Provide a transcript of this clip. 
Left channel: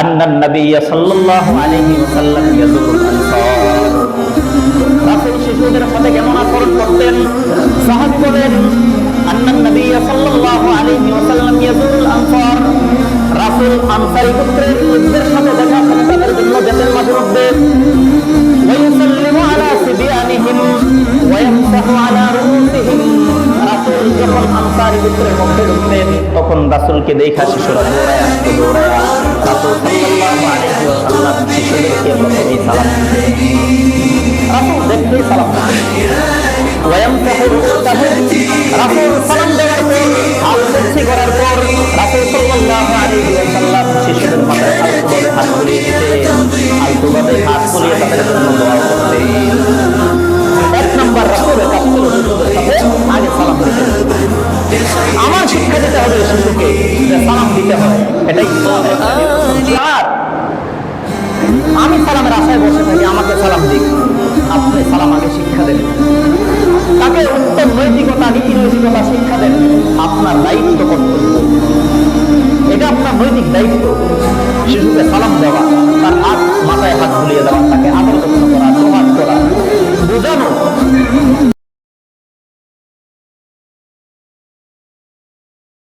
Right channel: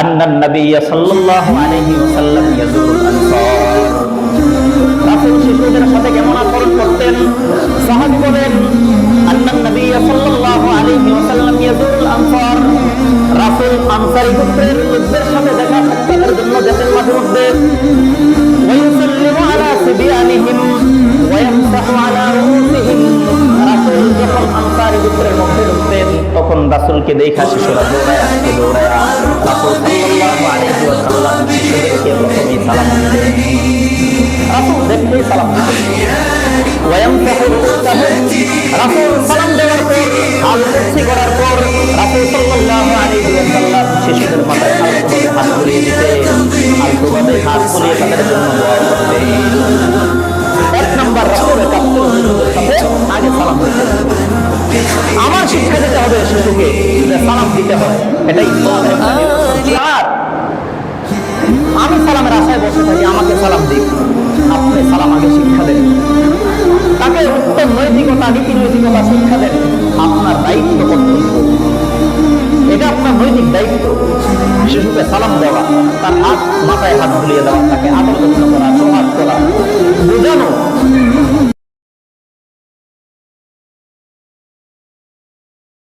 আন্নান নবিয়া সাল্লাল্লাহু আলাইহি ওয়াসাল্লাম ইয়াজুরুল আনসার। রাসূল শিশুদের সাথে কেমন আচরণ করতেন? সাহাবী বলেন, আন্নান নবিয়া সাল্লাল্লাহু আলাইহি ওয়াসাল্লাম ইয়াজুরুল আনসার। রাসূল আনসারী গোত্রের লোকদের সাথে দেখা সাক্ষাতের জন্য যেতেন মাঝে মধ্যে। ওয়াইসাল্লিমু আলা সিবিয়ানিহিম ওয়ায়ামসাহু আলা রুহ যখন আনসারী গোত্রের মধ্যে ঢুকতেন তখন রাসূলকে দেখা শিশুরা দৌড়ায় আসতো দৌড়ায় রাসূল সাল্লাল্লাহু আলাইহি ওয়াসাল্লাম শিশুদেরকে প্রথমেই সালাম দিতেন রাসূল দেখতেই সালাম দিতেন রাসূল সালাম দেওয়ার পর, হাল করার পর রাসূল সাল্লাল্লাহু আলাইহি ওয়াসাল্লাম শিশুদের মাথায় আলতোভাবে হাত বুলিয়ে দিতেন। আলতোভাবে হাত বুলিয়ে তাদের জন্য দোয়া করতেন। এক নম্বর রাসূলের কাজ ছিল শিশুদের আগে সালাম দিতেন। দিতে হবে শিশুকে সালাম দিতে হয় এটাই ইসলামের আমি সালামের আশায় বসে থাকি আমাকে সালাম দিক। আপনি সালাম আগে শিক্ষা দেন। তাকে উত্তম নৈতিকতা নীতি নৈতিকতা শিক্ষা দেন। আপনার দায়িত্ব কর্তব্য। এটা আপনার নৈতিক দায়িত্ব। শিশুকে সালাম দেওয়া তার হাত মাথায় হাত বুলিয়ে দেওয়া তাকে আদর যত্ন করা সোহাগ